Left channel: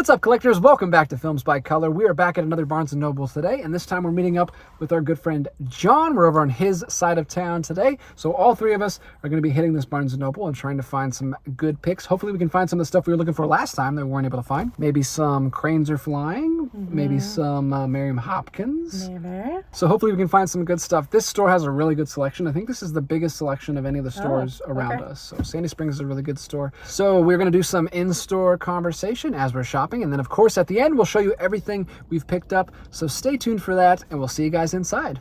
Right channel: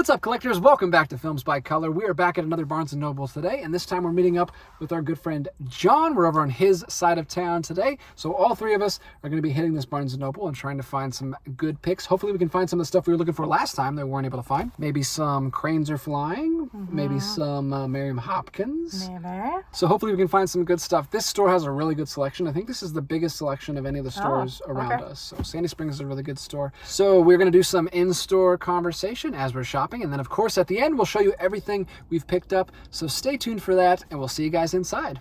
What's up, collectors? Welcome back to Films by Color. We are back at another Barnes & Noble today, and this time we're meeting up with our good friend John. We're over on his side of town today, so all three of us are going to be hitting this Barnes & Noble and trying to find some good picks. Hopefully we can find some of the stuff we were looking for last time that we weren't able to find. Maybe some Cranes Are Flying, maybe some Miriam Hopkins. Maybe. So hopefully we can find some good stuff. This store has a really good selection. I think this is the biggest selection of any of the stores around us. So Sandy Springs is a really good store. So we're going to do some in-store conversation as we're shopping. And then, of course, at the end, we'll show you everything we've picked up. So stay tuned for that, and we'll see you guys inside.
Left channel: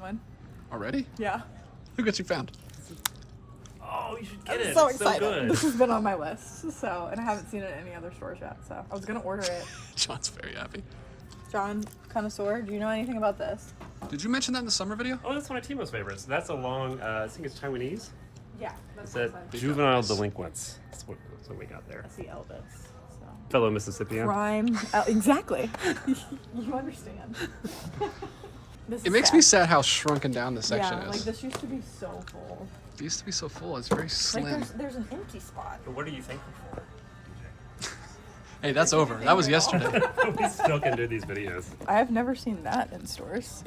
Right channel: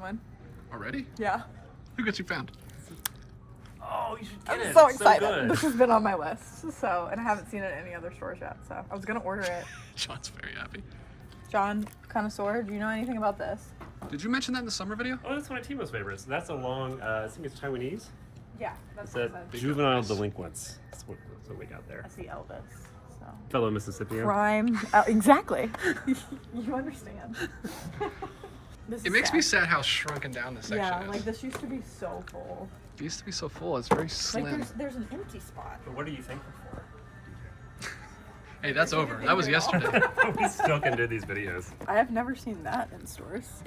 One. Already? Yeah. Look what you found. Oh, you should get it. So It's excited. so good. This has been on my list, so, and I haven't seen it at any other stores yet, so I was gonna order it. John's very happy. John, connoisseur, do you know anything about this? Did you mention that in the summer video? Oh, that's one of Timo's favorites. That's a long, I think it's Taiwanese. Yeah, that's It's that juvenile delinquents. That's what we got there. That's the Elvis. So. Fellow Mississippian. Crime, exactly. You understand. It makes me sad how shrunken down this section Yeah, is. like this used to be so full. It used to be so full. It's very Like slim. there's an empty spot. But what are you thankful for, Hey, that's over. That was yesterday. DJ? We still can do these videos. I have never seen that in stores.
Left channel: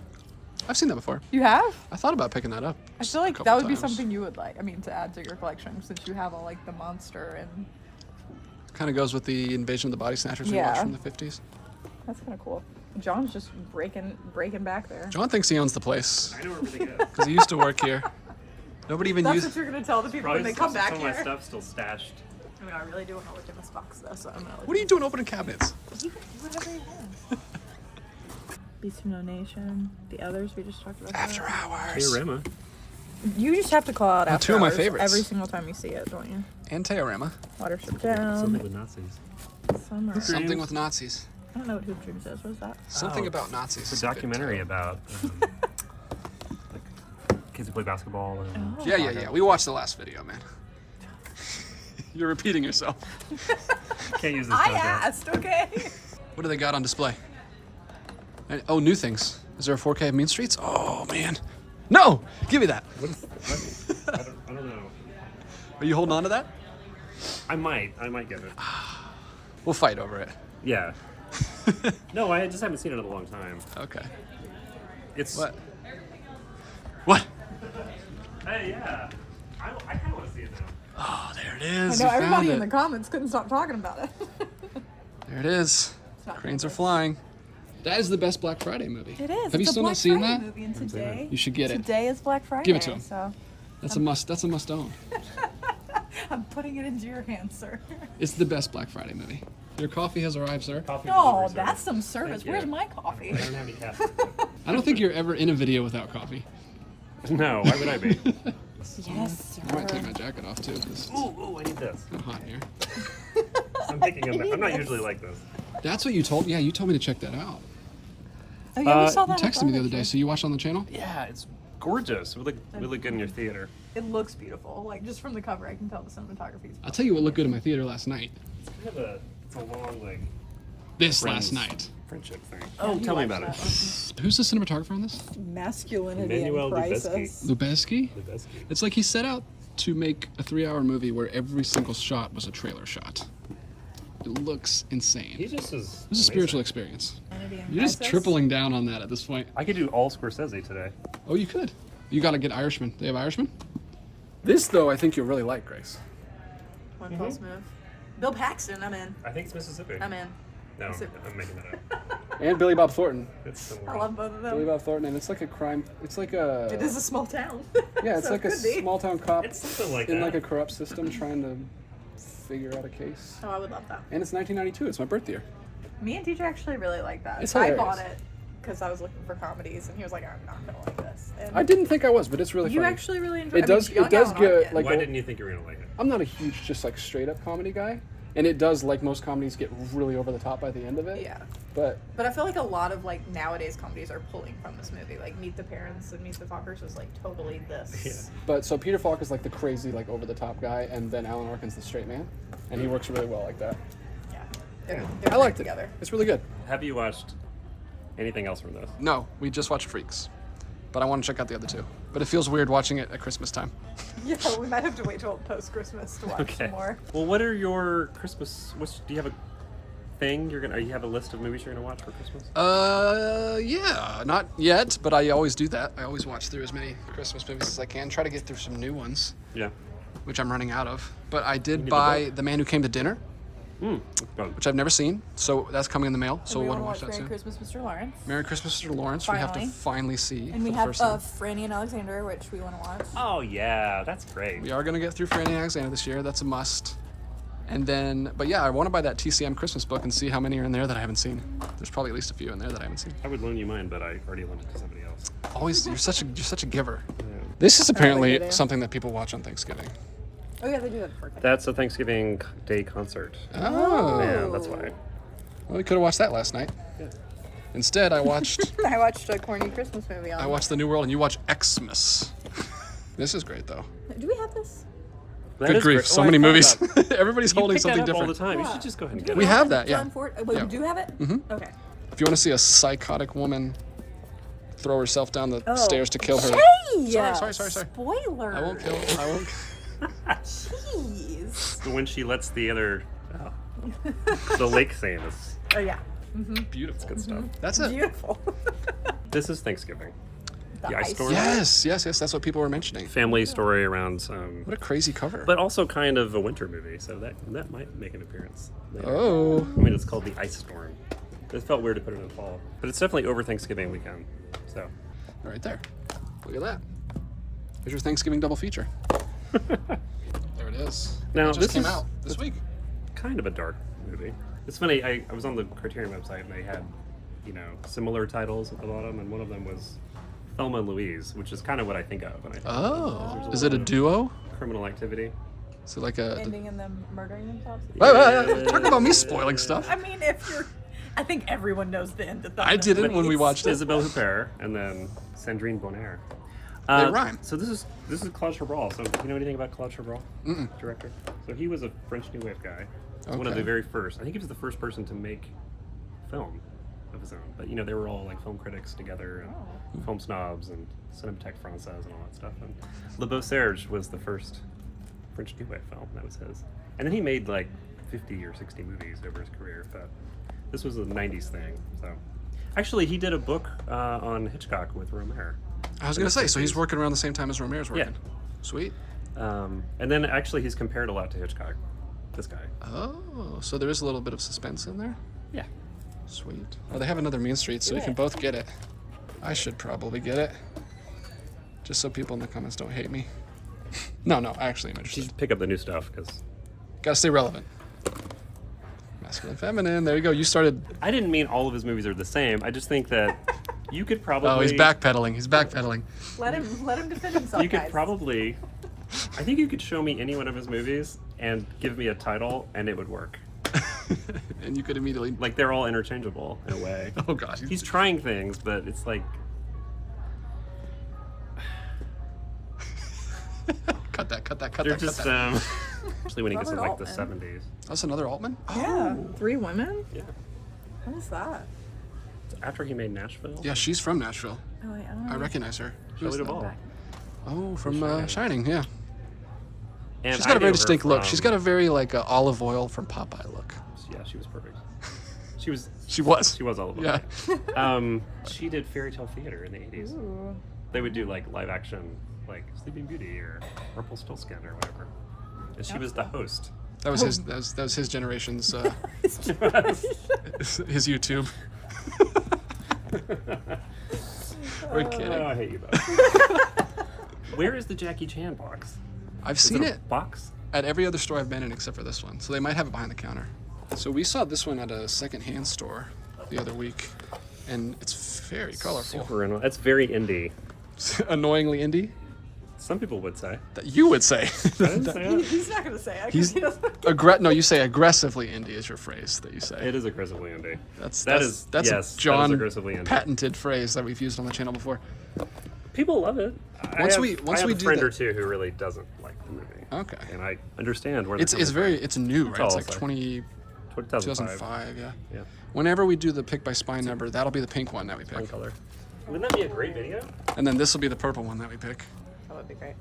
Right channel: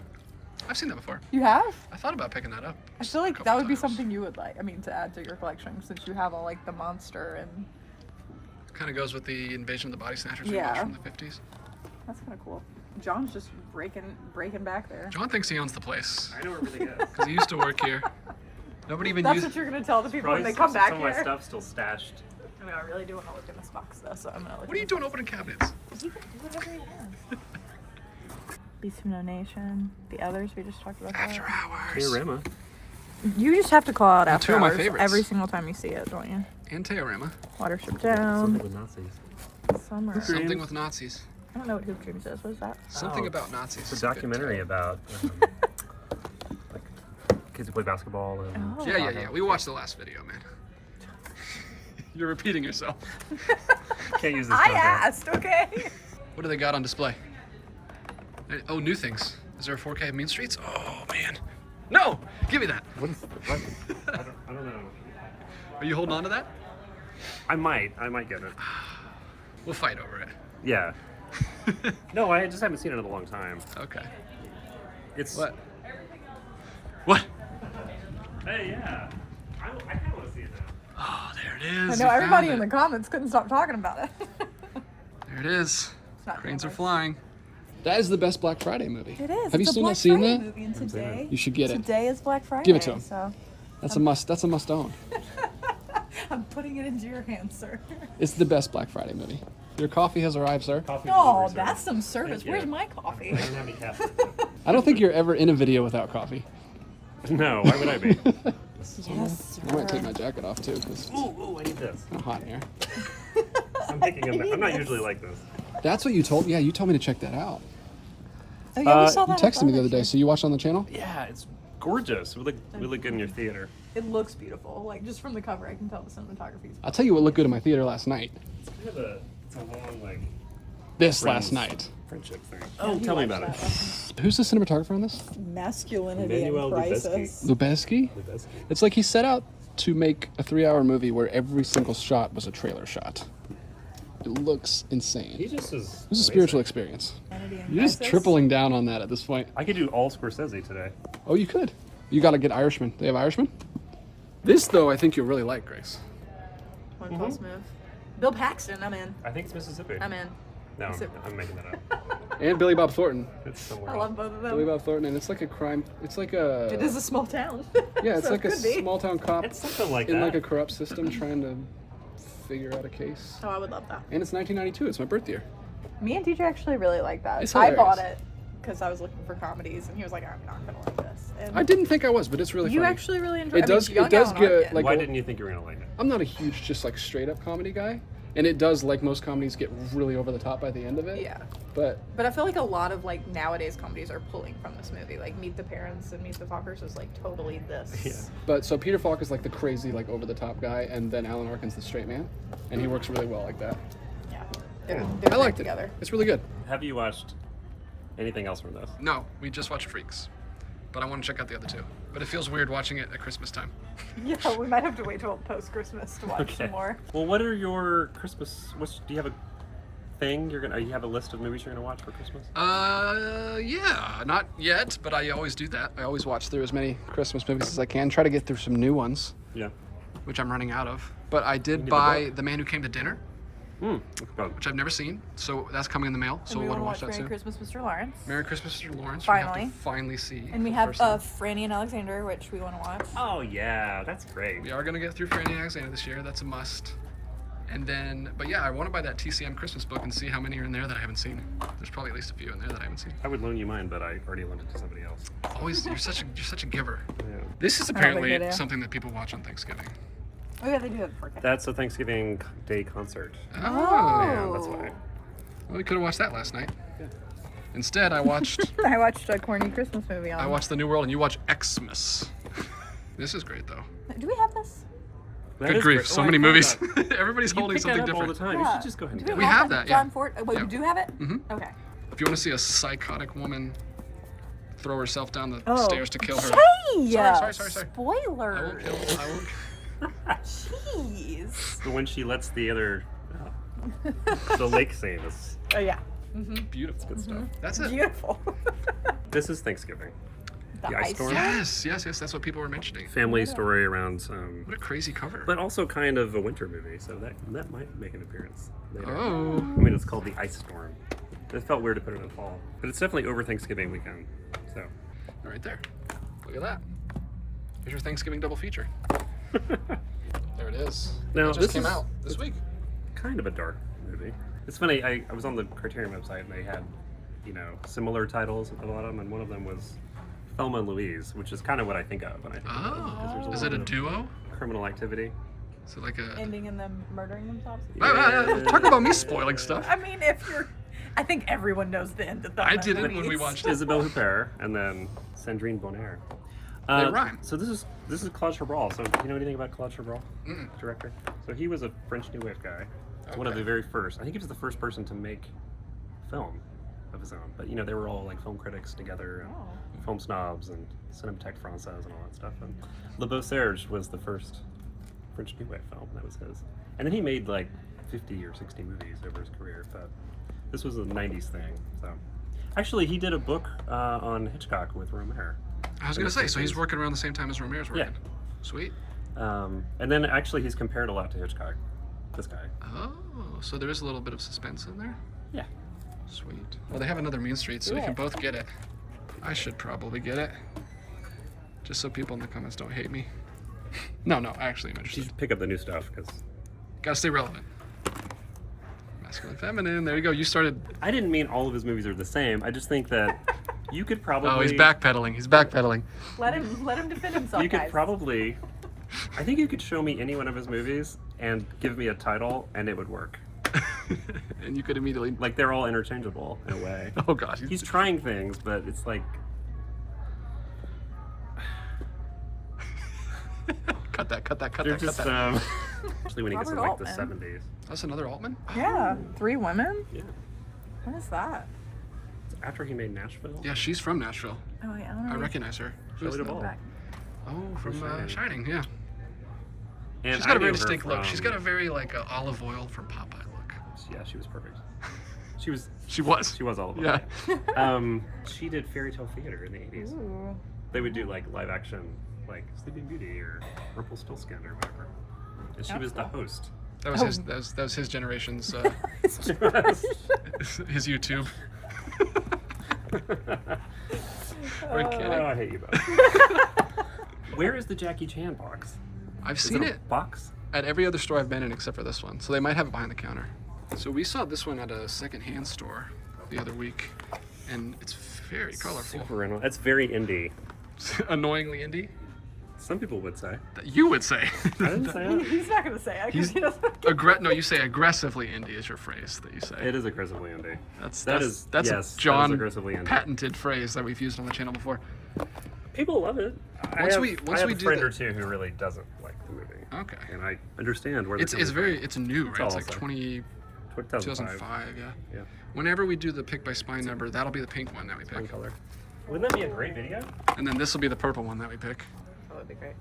I've seen that before. You have? I thought about picking that up. I feel like a that couple would be times. something you would like. I mean, to add to your collection, since you have all like the monster and Kind of goes with the Invasion of the Body Snatchers we watched Yeah. from the 50s. that's kind of cool. John's just breaking back there. John thinks he owns the place I know where everything is. because he used to work here. Nobody even That's used. what you're gonna tell the people Probably when they come back some of here. my stuff still stashed. I mean, I really do want to look in this box though, so I'm gonna look. What are you doing opening cabinets? He can do whatever he wants. Beast of No Nation, the others we just talked about. After that. Hours. Teorema. You just have to call out. Well, After two of my Hours favorites. every single time you see it, don't you? And Teorema. Watership Something Down, with Nazis. Summer. Something with Nazis. I don't know what Hoop Dreams is. What is that? Something Oh, about Nazis. It's a documentary about like kids who play basketball and Oh. Yeah. We watched the last video, man. You're repeating yourself. can't use this I content. asked, okay. What do they got on display? Oh, new things. Is there a 4K of Mean Streets? Oh, man. No! Give me that. What is, I don't know. Are you holding on to that? I might get it. We'll fight over it. Yeah. No, I just haven't seen it in a long time. Okay. It's What? What? Hey, yeah. I kind of want to see it now. Oh, there it I is. know We everybody found in it. the comments couldn't stop talking about it. There it is. not Cranes Are famous. Flying. That is the best Black Friday movie. It is. Have you It's a still Black not seen Friday that? movie, and today, You should get it. Today is Black Friday. Give it to him. So That's a must. That's a must own. I'm putting it into your hands, sir. It's the best Black Friday movie. Your coffee has arrived, sir. Coffee Oh, delivery that's service. some service. Thank you. Where's my coffee? I don't have any caffeine. I don't think you're ever in a video without coffee. No, why would I be? Yes, I might take sir. my jacket off too. It's Ooh, I need this. hot in here. I'm picking him. I'm not usually like this. That's what you told. Yeah, you told me to check that out. Oh, yeah, we saw You that. texted me the other day. So you watched on the channel? Yeah, it's gorgeous. It would look really good in your theater. It looks beautiful. Like just from the cover, I can tell the cinematography. I'll tell you what looked good in my theater last night. It's kind of it's a long like This friends last night. friendship thing. Oh, tell me about it. Who's the cinematographer in this? Masculinity Emmanuel and crisis. Lubezki? The best. It's like he set out to make a 3-hour movie where every single shot was a trailer shot. It looks insane. He just is. This is a spiritual experience. Vanity and You're just Crisis. tripling down on that at this point. I could do all Scorsese today. Oh, you could. You got to get Irishman. They have Irishman? This, though, I think you'll really like, Grace. One false move. Bill Paxton, I'm in. I think it's Mississippi. I'm in. No, Is it- I'm making that up. And Billy Bob Thornton. It's the I love both of them. Billy Bob Thornton, and it's like a crime. It's like a. It is a small town. Yeah, it's So like a could be. small town cop It's something like in that. like a corrupt system trying to figure out a case. Oh, I would love that. And it's 1992. It's my birth year. Me and DJ actually really like that. It's I hilarious. bought it because I was looking for comedies, and he was like, "I'm not gonna like this." And I didn't think I was, but it's really You funny. actually really enjoyed It does. It does get like. Why a- didn't you think you were gonna like it? I'm not a huge just like straight up comedy guy, and it does like most comedies get really over the top by the end of it. Yeah. But But I feel like a lot of like nowadays comedies are pulling from this movie. Like Meet the Parents and Meet the Fockers was like totally this. so Peter Falk is like the crazy like over the top guy, and then Alan Arkin's the straight man, and he works really well like that. Yeah. They're I great liked together. it. It's really good. Have you watched anything else from this? No, we just watched Freaks, but I want to check out the other two. But it feels weird watching it at Christmas time. Yeah, we might have to wait till post Christmas to watch Okay. Well, what are your Christmas? Do you have a thing you're gonna? You have a list of movies you're gonna watch for Christmas? Yeah, not yet, but I always do that. I always watch through as many Christmas movies as I can. Try to get through some new ones, Yeah. which I'm running out of. But I did need the buy book. The Man Who Came to Dinner, Go. which I've never seen, so that's coming in the mail. So we'll want to watch that Merry soon. Christmas, Mr. Lawrence. Merry Christmas, Mr. Lawrence. We have Finally. to finally see. And we for the have first time. Franny and Alexander, which we want to watch. Oh yeah, that's great. We are gonna get through Franny and Alexander this year. That's a must. And then, but yeah, I want to buy that TCM Christmas book and see how many are in there that I haven't seen. There's probably at least a few in there that I haven't seen. I would loan you mine, but I already loaned it to somebody else. Always, you're such a giver. Yeah. This is good apparently idea. something that people watch on Thanksgiving. Oh yeah, they do that for That's a Thanksgiving Day concert. Oh, Yeah, that's why. well, we could have watched that last night. Yeah. Instead, I watched I watched a corny Christmas movie on. I watched The New World, and you watch Xmas. This is great though. Do we have this? That Good is grief, great. so Oh, I many forgot movies. about- Everybody's You holding pick that something up all different. the time. You Yeah. should just go ahead and Do get we it. We have them? that, yeah. John Ford. Wait, Yeah. we do have it. Mm-hmm. Okay. If you want to see a psychotic woman throw herself down the stairs to kill her. Hey! Sorry. Spoiler. I won't kill. I won't. Jeez. So when she lets the other, the lake scene is Oh yeah. Beautiful. good stuff. That's it. Beautiful. This is Thanksgiving. The ice ice. storm. Yes. That's what people were mentioning. Family story around What a crazy cover. but also kind of a winter movie, so that might make an appearance. Oh. I mean, it's called The Ice Storm. It felt weird to put it in the fall, but it's definitely over Thanksgiving weekend. So Right there. Look at that. Here's your Thanksgiving double feature. There it is. Now, it just this came is- out this week. kind of a dark movie. It's funny. I was on the Criterion website and they had, similar titles at the bottom, and one of them was Thelma and Louise, which is kind of what I think of when I think of it, 'cause there's Oh. Is it a little bit duo? of criminal activity? Is it like a? Ending in them murdering themselves. Wait. Talk about me spoiling stuff. I mean, if you're, I think everyone knows the end of that. I didn't when we watched it. Isabelle Huppert and then Sandrine Bonnaire. They rhyme. So this is Claude Chabrol. So do you know anything about Claude Chabrol, director? So he was a French New Wave guy. One of the very first. I think he was the first person to make film of his own. But they were all like film critics together and film snobs and Cinémathèque Française and all that stuff. And Le Beau Serge was the first French New Wave film. That was his. And then he made like 50 or 60 movies over his career. But this was a 90s thing. So actually, he did a book on Hitchcock with Romer. I was gonna say, so he's working around the same time as Romero's working. Yeah. Sweet. And then actually he's compared a lot to Hitchcock, this guy. Oh, so there is a little bit of suspense in there. Yeah. Sweet. Oh, they have another Mean Street, so we can both get it. I should probably get it, just so people in the comments don't hate me. No, actually, I'm interested. Just pick up the new stuff, because... Gotta stay relevant. Masculine, feminine. There you go. You started. I didn't mean all of his movies are the same. I just think that you could probably... Oh, he's backpedaling. He's backpedaling. Let him defend himself. You could guys. probably... I think you could show me any one of his movies and give me a title, and it would work. And you could immediately. Like, they're all interchangeable, in a way. Oh gosh. He's trying things, but it's like... Cut that. They're just, especially when he gets in, like, Robert the Altman. 70s. That's another Altman. Yeah, 3 women. Yeah. What is that? After he made Nashville. Yeah, she's from Nashville. Oh yeah. I recognize her. Who's Shelley that? Duvall. Back. Oh, from Shining. Shining. Yeah. And She's got I a very knew her distinct look. from- She's got a very like olive oil from Popeye look. Yeah, she was perfect. She was. She was. She was all about Yeah. it. She did fairy tale theater in the 80s. Ooh. They would do like live action, like Sleeping Beauty or Rumpelstiltskin or whatever. And she was the host. That was his. That was his generation's. His YouTube. We're kidding. Oh, I hate you both. Where is the Jackie Chan box? I've Is seen a it box. at every other store I've been in except for this one. So they might have it behind the counter. So we saw this one at a secondhand store the other week, and it's very colorful. Super. That's very indie. Annoyingly indie. Some people would say. That you would say. I didn't say that. He's not gonna say it. 'Cause He's he doesn't. no, you say aggressively indie is your phrase that you say. It is aggressively indie. That's That that's is- that's yes, a John that is aggressively indie. patented phrase that we've used on the channel before. People love it. Once I we have do a friend the- or two who really doesn't like the movie. Okay. And I understand where It's new, right? It's like also 2005, 2005. yeah. Yeah. Whenever we do the pick by spine number, that'll be the pink one that we One pick. color. Wouldn't that be a great video? And then this will be the purple one that we pick. Oh, that'd be great.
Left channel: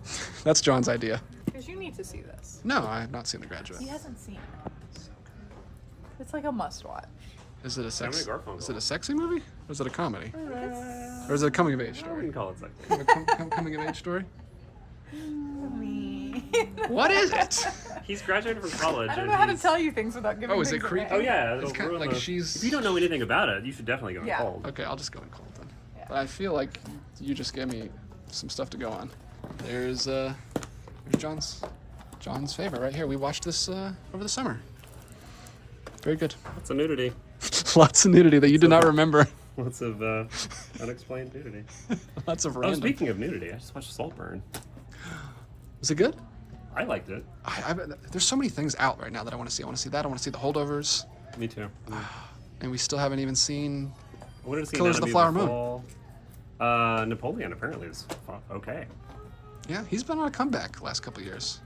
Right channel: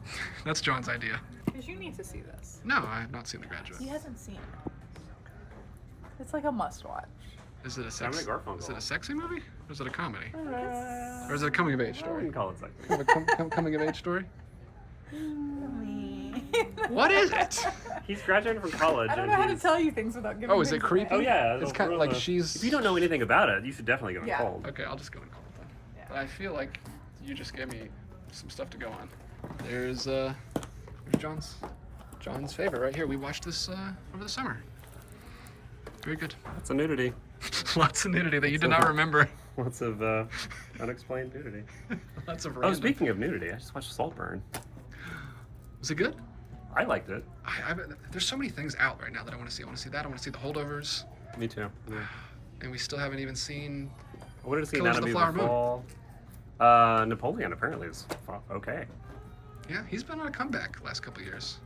That's John's idea. Because you need to see this. No, I have not seen The Graduate. He hasn't seen it. It's like a must-watch. Is it a sex? Simon and Garfunkel. Is it a sexy movie? Or is it a comedy? Or is it a coming of age You story? can call it sex. Kind of a coming of age story? Me. What is it? He's graduating from college. I don't and know how to he's- tell you things without giving. Oh, is it things creepy? Oh away. yeah, It's kind of like she's. If you don't know anything about it, you should definitely go on Yeah. cold. Okay, I'll just go in cold then. But I feel like you just gave me some stuff to go on. There's John's favorite right here. We watched this over the summer. Very good. It's a nudity. Lots of nudity that you did not remember. Lots of unexplained nudity. Lots of Oh, random. speaking of nudity, I just watched Saltburn. Was it good? I liked it. There's so many things out right now that I want to see. I want to see that. I want to see the holdovers, Me too. Yeah. and we still haven't even seen. I wanted to see Colors of the Anatomy Flower of the Fall. Napoleon apparently is okay. Yeah, he's been on a comeback the last couple of years.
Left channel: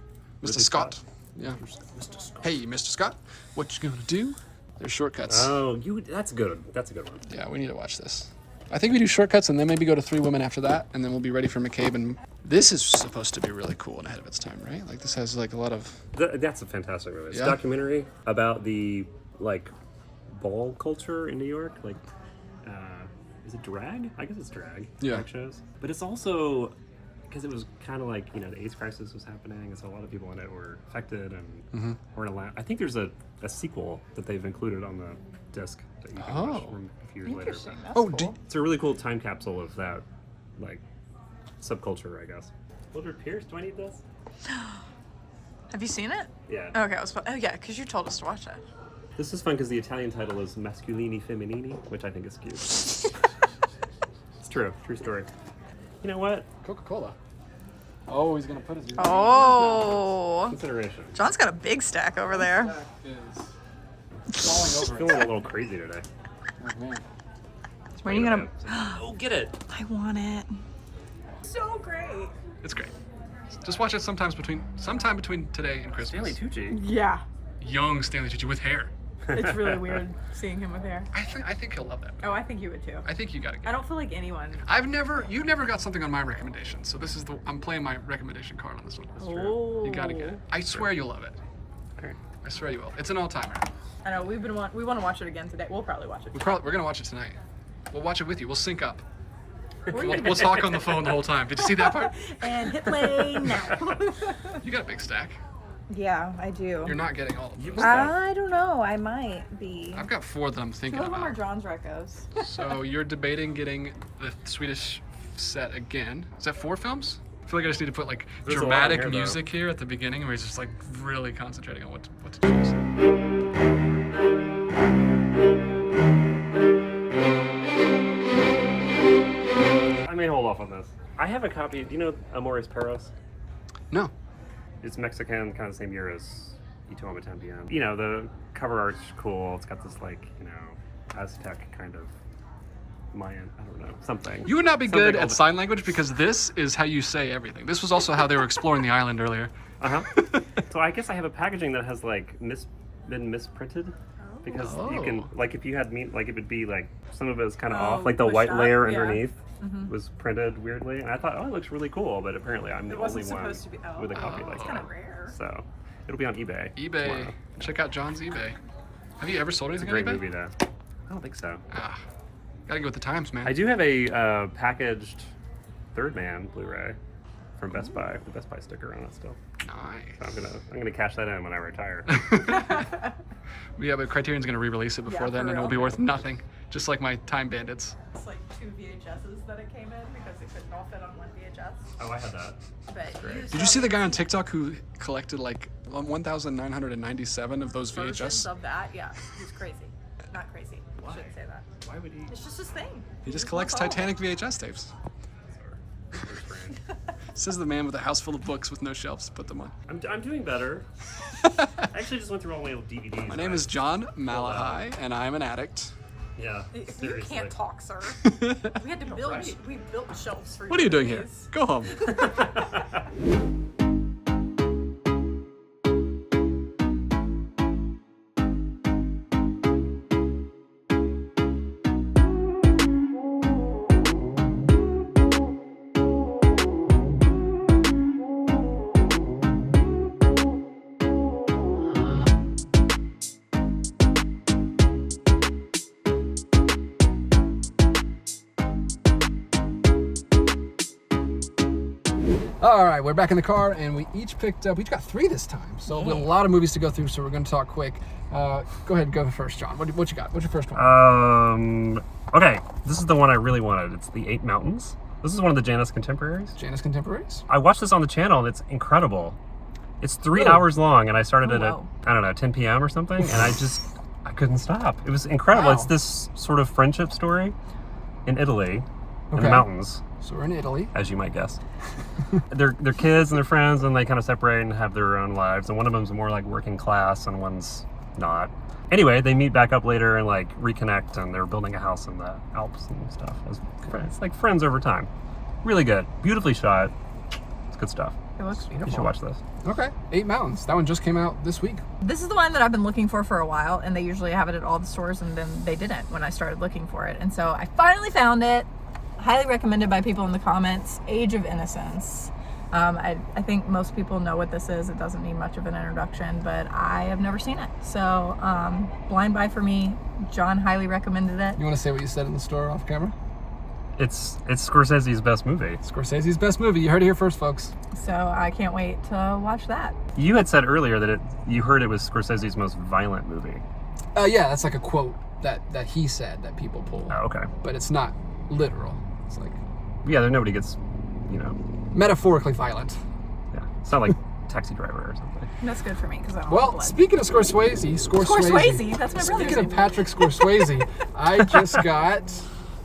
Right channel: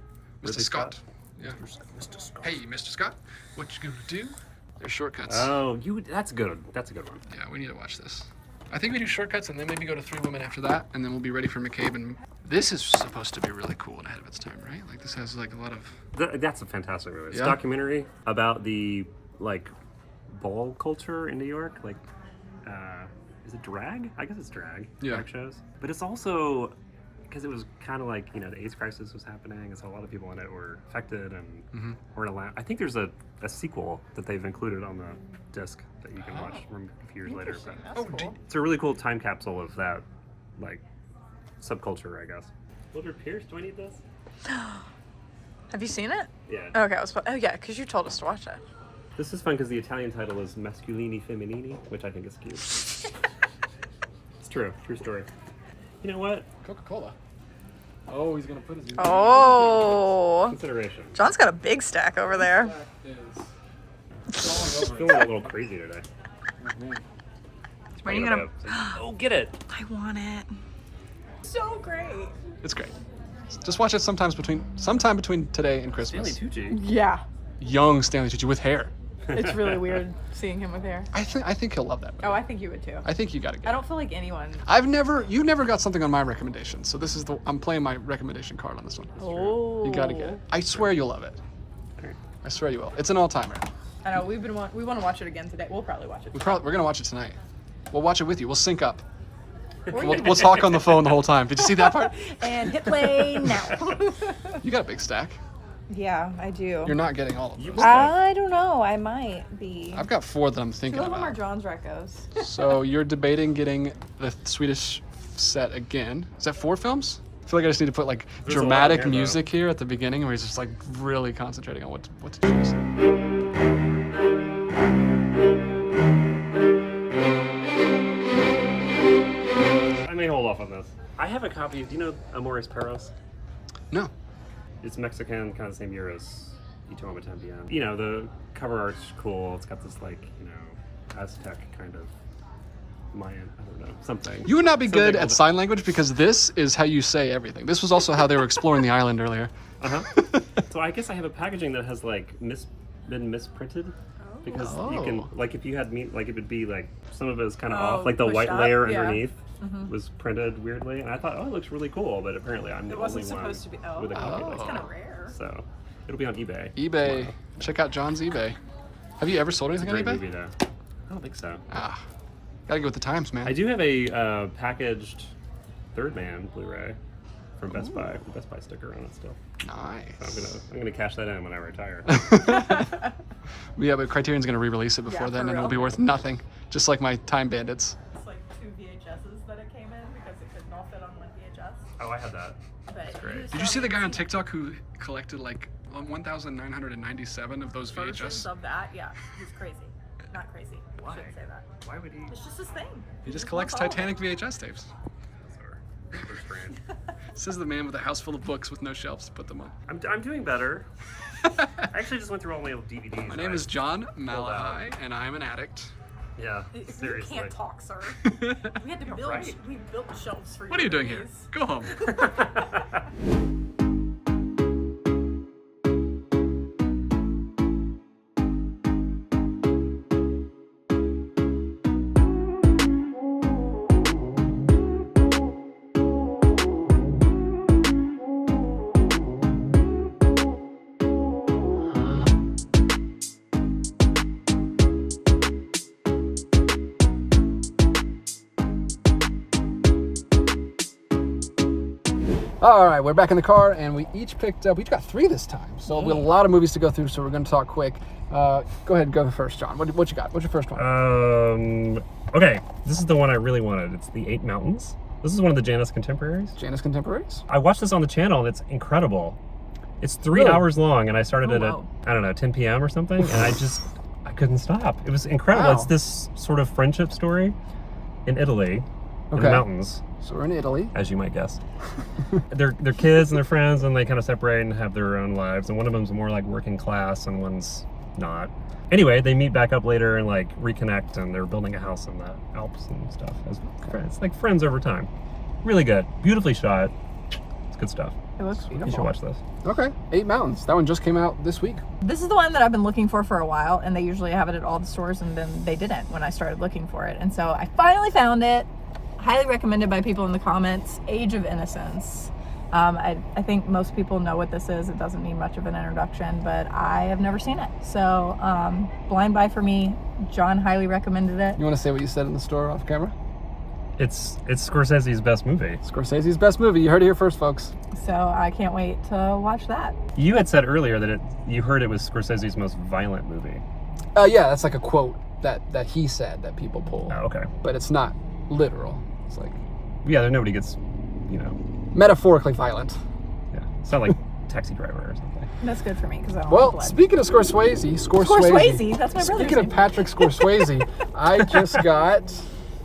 Mr. Ridley Scott. Scott. Yeah. Mr. Scott. Hey, Mr. Scott, what you gonna do? There's shortcuts. Oh, that's good. That's a good one. Yeah, we need to watch this. I think we do shortcuts and then maybe go to Three Women after that, and then we'll be ready for McCabe. And this is supposed to be really cool and ahead of its time, right? Like this has like a lot of. That's a fantastic movie. It's Yeah? a documentary about the ball culture in New York. Is it drag? I guess it's drag. Yeah. Drag shows. But it's also because it was kind of like the AIDS crisis was happening, and so a lot of people in it were affected and weren't allowed. I think there's a sequel that they've included on the disc that you can watch from a few years later. But it's a really cool time capsule of that subculture, I guess. Mildred Pierce, do I need this? Have you seen it? Yeah. Okay, yeah, because you told us to watch it. This is fun because the Italian title is Masculini Femminini, which I think is cute. It's true story. You know what? Coca-Cola. Oh, he's gonna put his. Oh, Consideration. John's got a big stack over there. I'm feeling a little crazy today. When are you gonna? Oh, get it! I want it. So great. It's great. Just watch it sometime between today and Christmas. Stanley Tucci. Yeah, Young Stanley Tucci with hair. it's really weird seeing him with hair. I think he'll love that movie. Oh, I think you would too. I think you gotta get I it. don't feel like anyone. You never got something on my recommendation, so this is I'm playing my recommendation card on this one. Oh. You gotta get it. I swear you'll love it. Alright. I swear you will. It's an all-timer. I know we want to watch it again today. We'll probably watch it. We're gonna watch it tonight. We'll watch it with you. We'll sync up. We'll talk on the phone the whole time. Did you see that part? And hit play now. You got a big stack. Yeah, I do. You're not getting all of them. I don't know. I might be. I've got 4 that I'm Two thinking of them are about. John's recos. So you're debating getting the Swedish set again. Is that 4 films? I feel like I just need to put There's a lot dramatic here, though. music here at the beginning where he's just really concentrating on what to choose. I may hold off on this. I have a copy. Do you know Amores Perros? No. It's Mexican, kind of the same year as Y Tu Amo Tambien. The cover art's cool. It's got this Aztec kind of Mayan, I don't know, something. You would not be Something good old- at sign language because this is how you say everything. This was also how they were exploring the island earlier. So I guess I have a packaging that has been misprinted. Because you can, if you had meat, it would be some of it is kind of off, the pushed white up, layer yeah. underneath was printed weirdly, and I thought, it looks really cool, but apparently I'm the only wasn't one supposed to be- with a copy like That's that. kinda rare. So it'll be on eBay. eBay. tomorrow. Check out John's eBay. Have you ever sold It's a anything great on eBay? movie, though. I don't think so. Ah, gotta go with the times, man. I do have a packaged Third Man Blu-ray from Best Buy. The Best Buy sticker on it still. Nice. So I'm gonna cash that in when I retire. Yeah, but Criterion's gonna re-release it before Yeah, then, for and it'll be real. worth nothing. Just like my Time Bandits. It's like 2 VHSs that it came in because it couldn't all fit on one VHS. Oh, I had that. But great. Did you see the guy on TikTok who collected like 1,997 of those versions VHS? of that? Yeah, he's crazy. Not crazy. Why? Shouldn't say that. Why would he? It's just his thing. He just wants collects all of Titanic it. VHS tapes. Bizarre. So strange. Says the man with a house full of books with no shelves to put them on. I'm doing better. I actually just went through all my old DVDs. My name is John Malachi, and I'm an addict. Yeah, You seriously. can't talk, sir. We had to build. right. We built shelves for you. What are you doing here? Go home. All right, we're back in the car, and we each got 3 this time. So we have a lot of movies to go through, so we're going to talk quick. Go ahead and go first, John. What you got? What's your first one? Okay, this is the one I really wanted. It's The Eight Mountains. This is one of the Janus contemporaries. Janus Contemporaries? I watched this on the channel, and it's incredible. It's 3 Really? hours long, and I started it wow. at, I don't know, 10 p.m. or something, and I couldn't stop. It was incredible. Wow. It's this sort of friendship story in Italy, in the Okay. mountains, So we're in Italy. as you might guess. they're kids and they're friends, and they kind of separate and have their own lives, and one of them's more like working class, and one's not. Anyway, they meet back up later and like reconnect, and they're building a house in the Alps and stuff. It's like friends over time. Really good. Beautifully shot. It's good stuff. It looks You beautiful. should watch this. Okay, 8 Mountains. That one just came out this week. This is the one that I've been looking for a while, and they usually have it at all the stores, and then they didn't when I started looking for it. And so I finally found it. Highly recommended by people in the comments. Age of Innocence. I think most people know what this is. It doesn't need much of an introduction, but I have never seen it. So blind buy for me. John highly recommended it. You want to say what you said in the store off camera? It's Scorsese's best movie. Scorsese's best movie. You heard it here first, folks. So I can't wait to watch that. You had said earlier that you heard it was Scorsese's most violent movie. Yeah, that's like a quote that he said that people pull. Oh, okay. But it's not literal. It's like Yeah, nobody gets, you know, metaphorically violent. yeah. It's not like Taxi Driver or something. That's good for me because I don't Well, like blood. speaking of Scorsese, Scorsese, that's my brother's Speaking of name. Patrick Scorsese, I just got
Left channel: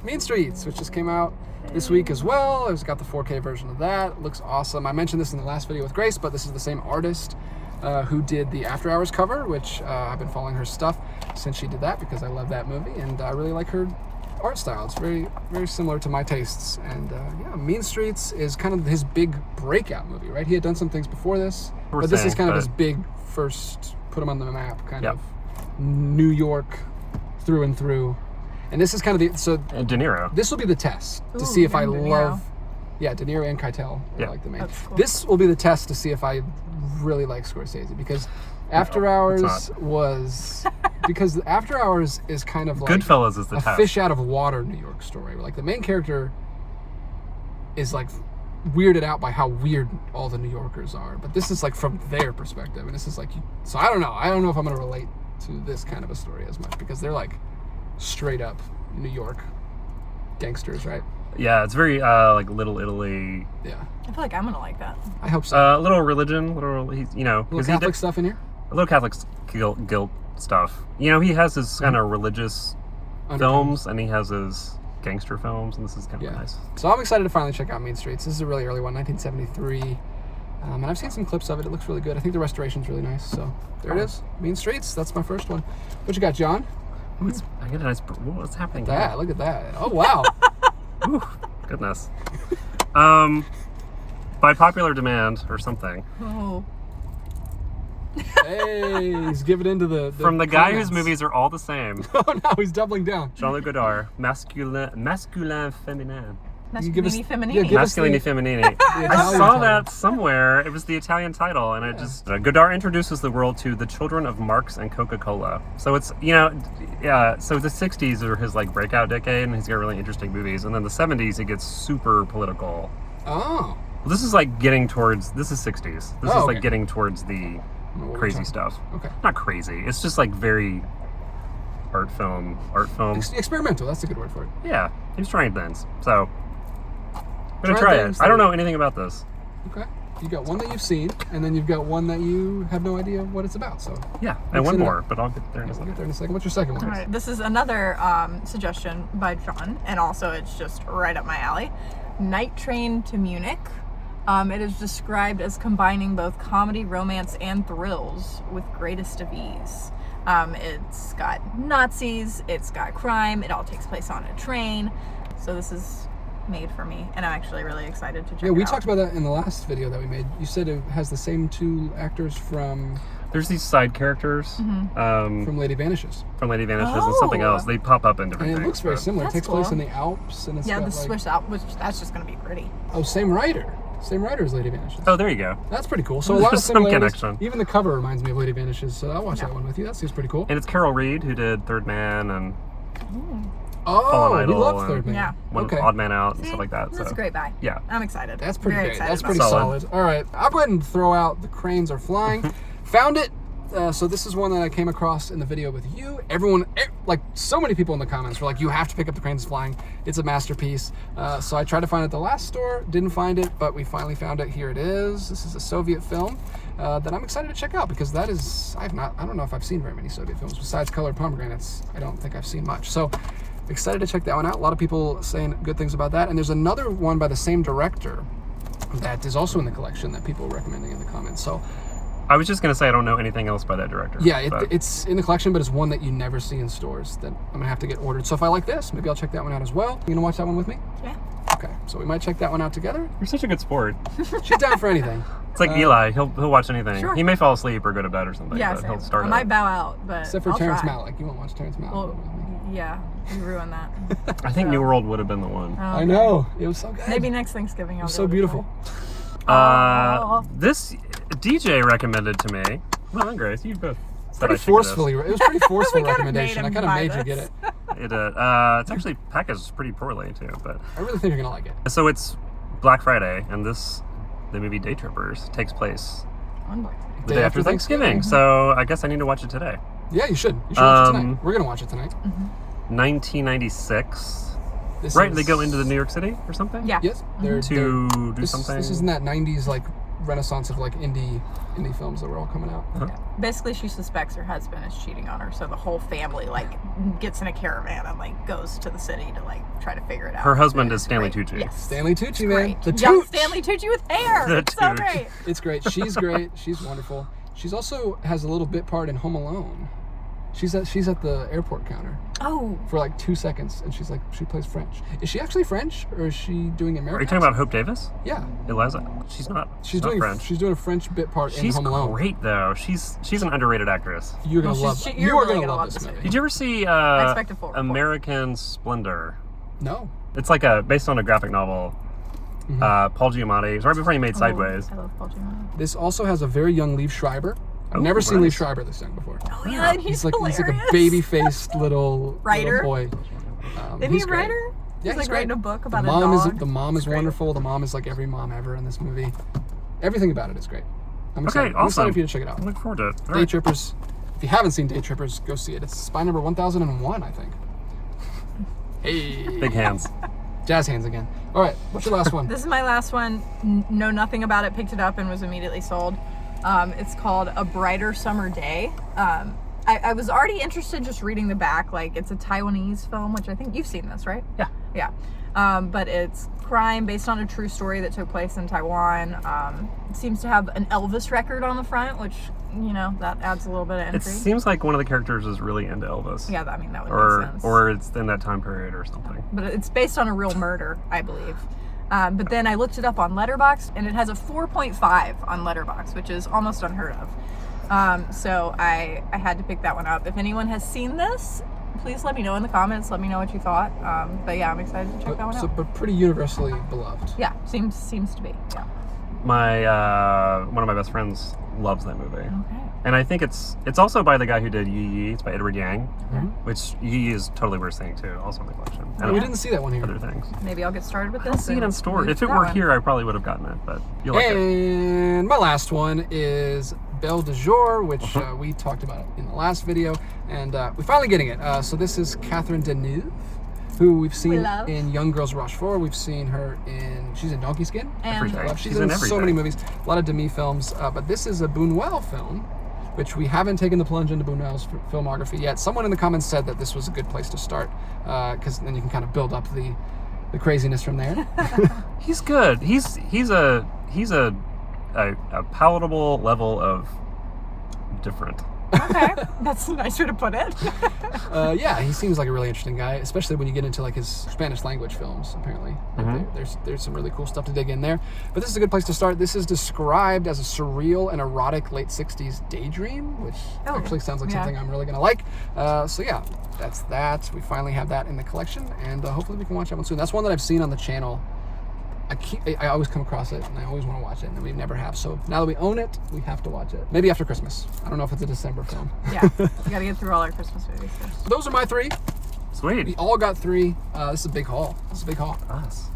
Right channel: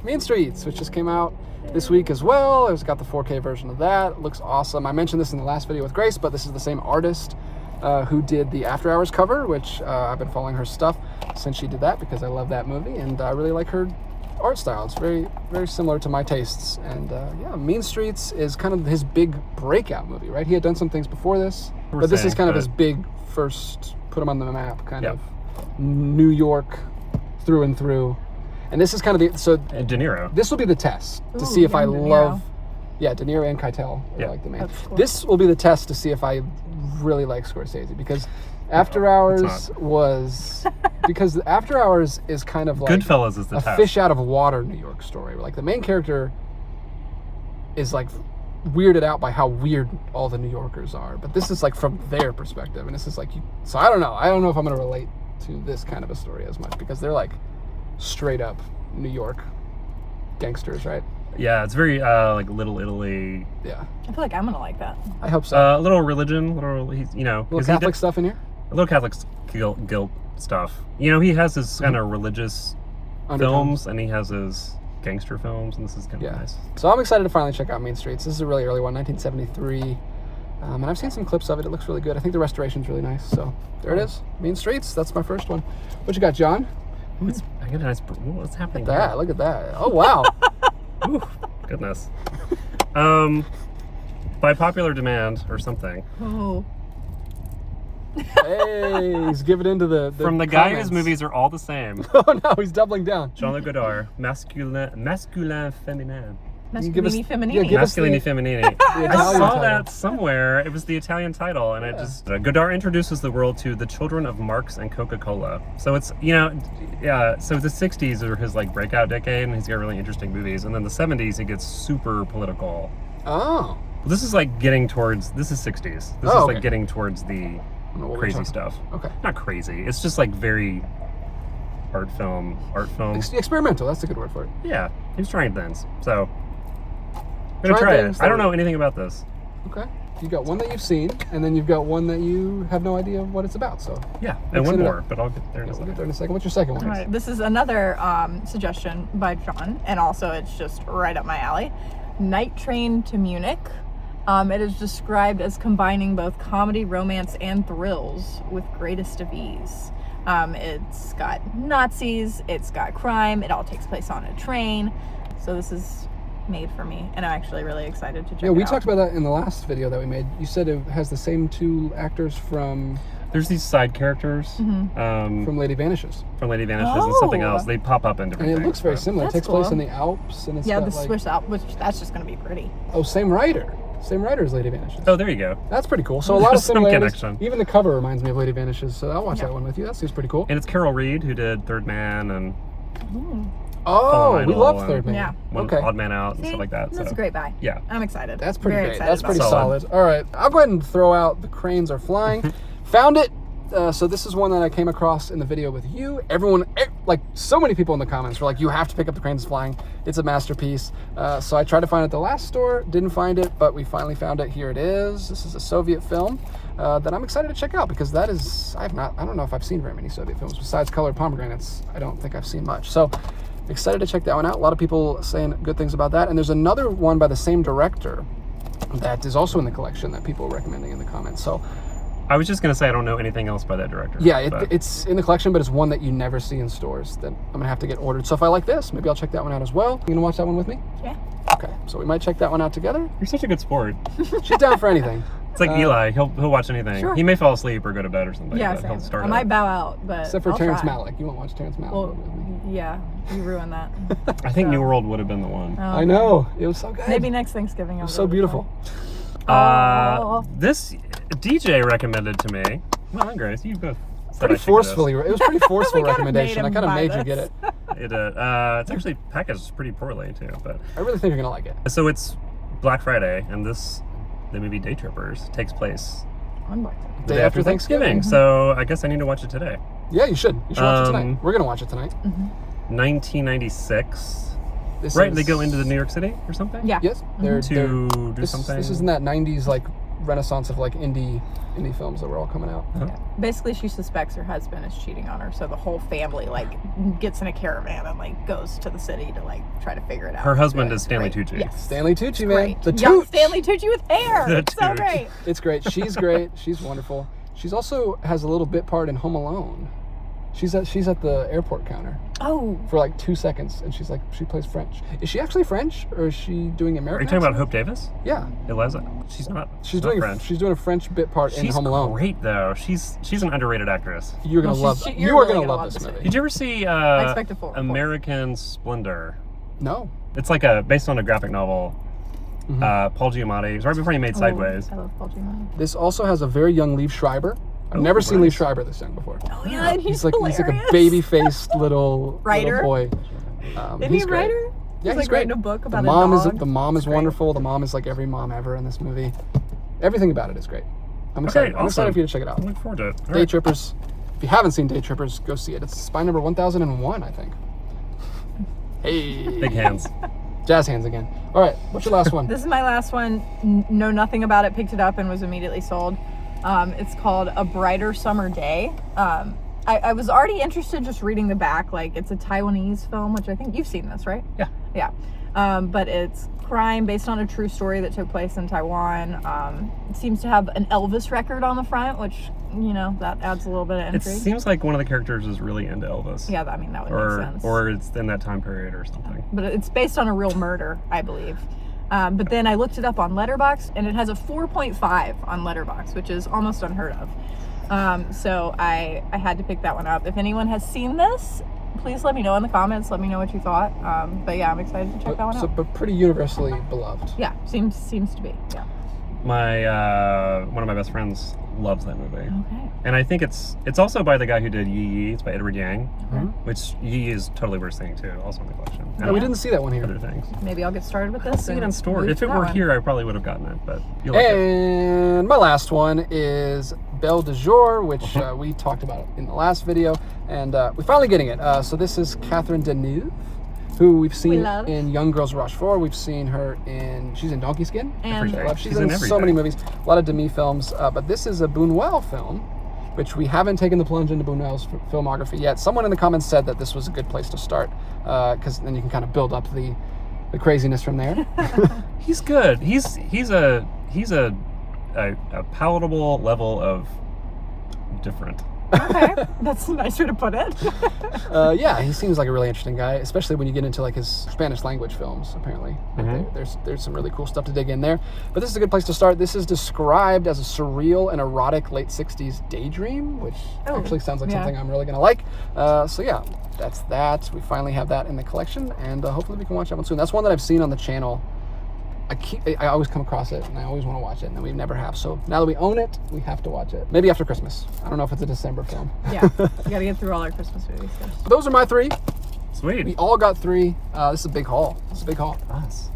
Mean Streets, which just came out this week as well. I just got the 4K version of that. It looks awesome. I mentioned this in the last video with Grace, but this is the same artist who did the After Hours cover, which I've been following her stuff since she did that because I love that movie, and I really like her art style. It's very, very similar to my tastes. And yeah, Mean Streets is kind of his big breakout movie, right? He had done some things before this, but this is kind of his big first, put him on the map, kind of New York through and through. And this is kind of And De Niro. this will be the test to Ooh, see if I young De Niro. love, De Niro and Keitel are Yeah. like the main. That's cool. This will be the test to see if I really like Scorsese, because After it's Hours not. was, because After Hours is kind of like Goodfellas is the a test. fish out of water New York story. Like the main character is like weirded out by how weird all the New Yorkers are, but this is like from their perspective, and this is like, so I don't know if I'm gonna relate to this kind of a story as much, because they're like straight up New York gangsters, right? Yeah, it's very like Little Italy. Yeah, I feel like I'm gonna like that. I hope so. A little religion, he's, you know, Little 'cause he Catholic did- stuff in here. a little Catholic guilt stuff. You know, he has his kind of religious Undertones. films, and he has his gangster films, and this is kind of Yeah. nice. So I'm excited to finally check out Mean Streets. This is a really early one, 1973. And I've seen some clips of it. It looks really good. I think the restoration's really nice. So there it is. Mean Streets. That's my first one. What you got, John? Ooh, I get a nice. What's happening? That. here? Look at that. Oh, wow. Ooh, goodness. By popular demand or something, Oh, Hey, he's giving into the from the guy comments. whose movies are all the same, Oh, no, he's doubling down. Jean-Luc Godard, masculin féminin. Masculini Feminini. give us Masculini Feminini. I Italian saw title. that somewhere. It was the Italian title, and it just Godard introduces the world to the children of Marx and Coca-Cola. So it's so the 60s are his like breakout decade, and he's got really interesting movies. And then the 70s, it gets super political. Oh. Well, this is like getting towards. This is 60s. This is okay. like getting towards the crazy stuff. Okay. Not crazy. It's just like very art film. Experimental. That's a good word for it. Yeah, he was trying things. So I'm gonna Trying try things it. I don't that- know anything about this. Okay. You got one that you've seen, and then you've got one that you have no idea what it's about. So Yeah, Mix and one it up. more, but I'll get there in a we'll second. get there in a second. What's your second one? All right, this is another suggestion by John, and also it's just right up my alley. Night Train to Munich. It is described as combining both comedy, romance, and thrills with greatest of ease. It's got Nazis, it's got crime, it all takes place on a train. So this is made for me, and I'm actually really excited to check it out. We talked about that in the last video that we made. You said it has the same two actors from There's these side characters from Lady Vanishes. from Lady Vanishes and something else. They pop up in different And it things. looks very but- similar. It That's takes place cool. in the Alps, and it's Yeah, got, the like, Swiss Alps, which that's just going to be pretty. Oh, same writer. Same writer as Lady Vanishes. Oh, there you go. That's pretty cool. So a lot of There's some similarities. connection. Even the cover reminds me of Lady Vanishes, so I'll watch Yeah. that one with you. That seems pretty cool. And it's Carol Reed who did Third Man and Oh, Fallen we Idol love and Third Man. Yeah. One Okay. Odd Man Out and See? stuff like that. That's so. a great buy. Yeah. I'm excited. That's pretty Very great. excited That's about pretty it. solid. All right, I'll go ahead and throw out The Cranes Are Flying. Found it. So this is one that I came across in the video with you. Everyone, like so many people in the comments were like, you have to pick up The Cranes Flying. It's a masterpiece. So I tried to find it at the last store, didn't find it, but we finally found it. Here it is. This is a Soviet film that I'm excited to check out because that is, I don't know if I've seen very many Soviet films besides Colored Pomegranates. I don't think I've seen much. So excited to check that one out. A lot of people saying good things about that. And there's another one by the same director that is also in the collection that people are recommending in the comments. So I was just going to say I don't know anything else by that director. yeah, but- it's in the collection, but it's one that you never see in stores that I'm gonna have to get ordered. So if I like this, maybe I'll check that one out as well. You gonna watch that one with me? Yeah. Okay, so we might check that one out together. You're such a good sport. She's down for anything. It's like Eli. He'll watch anything. Sure. He may fall asleep or go to bed or something. Yeah, but same. he'll start I it. might bow out, but Except for I'll Terrence try. Malick. You won't watch Terrence Malick. Well, yeah, you ruined that. I think New World would have been the one. Oh, I okay. know. It was so good. Maybe next Thanksgiving. I'll It was go so this beautiful. way. Oh. This DJ recommended to me. Well, and Grace, you both said I Pretty should get this. forcefully. It was pretty forceful We kinda made recommendation. I him kind of buy made you this. get it. It's actually packaged pretty poorly too, but I really think you're gonna like it. so it's Black Friday, and the movie Day Trippers takes place On Black Friday. the day after Thanksgiving. So I guess I need to watch it today. Yeah, you should. You should watch it tonight. Um, We're gonna watch it tonight. 1996. This Right, is- they go into the New York City or something. Yeah. Yes, they're To do this, something. This is in that '90s like renaissance of like indie films that were all coming out. Uh-huh. Yeah. Basically, she suspects her husband is cheating on her, so the whole family like gets in a caravan and like goes to the city to like try to figure it out. Her husband Yeah, is Stanley great. Tucci. Yes. Stanley Tucci, man. Great. The Young Tooch. Stanley Tucci with hair. The It's so Tooch. great. It's great. She's great. She's wonderful. She's also has a little bit part in Home Alone. She's at the airport counter Oh, for like 2 seconds, and she plays French. Is she actually French, or is she doing American? Are you talking about accent? Hope Davis? Yeah, Eliza? She's not. she's not doing French. she's doing a French bit part in She's Home Alone. great though. She's an underrated actress. You're gonna No, love. she's- You you're are really gonna gonna love love this this movie. Did you ever see expect a full report. American Splendor? No. It's like based on a graphic novel. Paul Giamatti. It's right before he made Sideways. I love Paul Giamatti. This also has a very young Liev Schreiber. I've Oh, never seen nice. Liev Schreiber this young before. Oh yeah, and he's like hilarious. a baby-faced little Writer? boy. Isn't he's he a great. writer? Yeah, he's like great. writing a book about the mom a dog. The mom is It's great. wonderful. The mom is like every mom ever in this movie. Everything about it is great. I'm excited. Okay, I'm excited awesome. for you to check it out. I look forward to it. All Day right. Trippers. If you haven't seen Day Trippers, go see it. It's spy number 1001, I think. Hey. Big hands. Jazz hands again. All right, what's your last one? This is my last one. Know nothing about it. Picked it up and was immediately sold. It's called A Brighter Summer Day. I was already interested just reading the back. Like, it's a Taiwanese film, which I think you've seen this, right? Yeah. Yeah. But it's crime based on a true story that took place in Taiwan. It seems to have an Elvis record on the front, which, you know, that adds a little bit of It intrigue. seems like one of the characters is really into Elvis. Yeah, I mean, that would make sense. Or it's in that time period or something. But it's based on a real murder, I believe. But then I looked it up on Letterboxd, and it has a 4.5 on Letterboxd, which is almost unheard of. So I had to pick that one up. If anyone has seen this, please let me know in the comments. Let me know what you thought. But yeah, I'm excited to check that one out. But pretty universally beloved. Yeah, seems to be. Yeah. One of my best friends loves that movie. Okay. And I think it's also by the guy who did Yi Yi. It's by Edward Yang, Okay. which Yi Yi is totally worth seeing too, also in the collection. Oh, we didn't see that one here. Other things. Maybe I'll get started with I'll this. see it and in store. move If to it that were one. here, I probably would have gotten it, but you'll like it. And my last one is Belle de Jour, which we talked about it in the last video, and we're finally getting it. So this is Catherine Deneuve, who we've seen love. in Young Girls Rush 4. We've seen her she's in Donkey Skin. And Everything. She's in so everything. many movies, a lot of Demi films, but this is a Buñuel film, which we haven't taken the plunge into Buñuel's filmography yet. Someone in the comments said that this was a good place to start, because then you can kind of build up the craziness from there. He's good. He's a palatable level of different. Okay, that's a nice way to put it. Yeah, he seems like a really interesting guy, especially when you get into like his Spanish language films. Apparently, there's some really cool stuff to dig in there. But this is a good place to start. This is described as a surreal and erotic late '60s daydream, which actually sounds like something I'm really gonna like. So yeah, that's that. We finally have that in the collection, and hopefully we can watch that one soon. That's one that I've seen on the channel. I always come across it, and I always want to watch it, and we never have. So now that we own it, we have to watch it. Maybe after Christmas. I don't know if it's a December film. Yeah, we gotta get through all our Christmas movies first. So those are my 3. Sweet. We all got 3. This is a big haul. Us.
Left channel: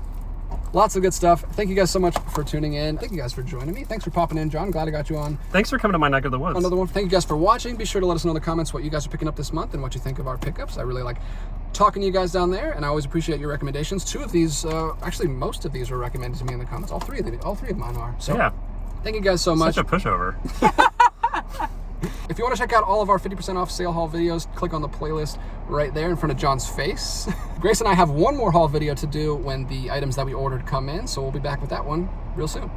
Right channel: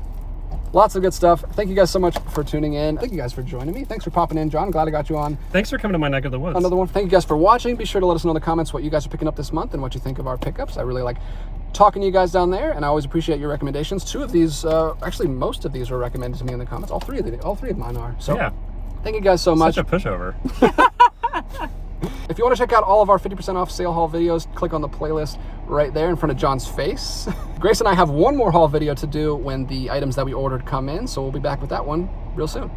Lots of good stuff. Thank you guys so much for tuning in. Thank you guys for joining me. Thanks for popping in, John. Glad I got you on. Thanks for coming to my neck of the woods. Another one. Thank you guys for watching. Be sure to let us know in the comments what you guys are picking up this month and what you think of our pickups. I really like talking to you guys down there, and I always appreciate your recommendations. 2 of these, actually most of these were recommended to me in the comments. All three of mine are. So yeah. Thank you guys so much. Such a pushover. If you want to check out all of our 50% off sale haul videos, click on the playlist right there in front of John's face. Grace and I have one more haul video to do when the items that we ordered come in, so we'll be back with that one real soon.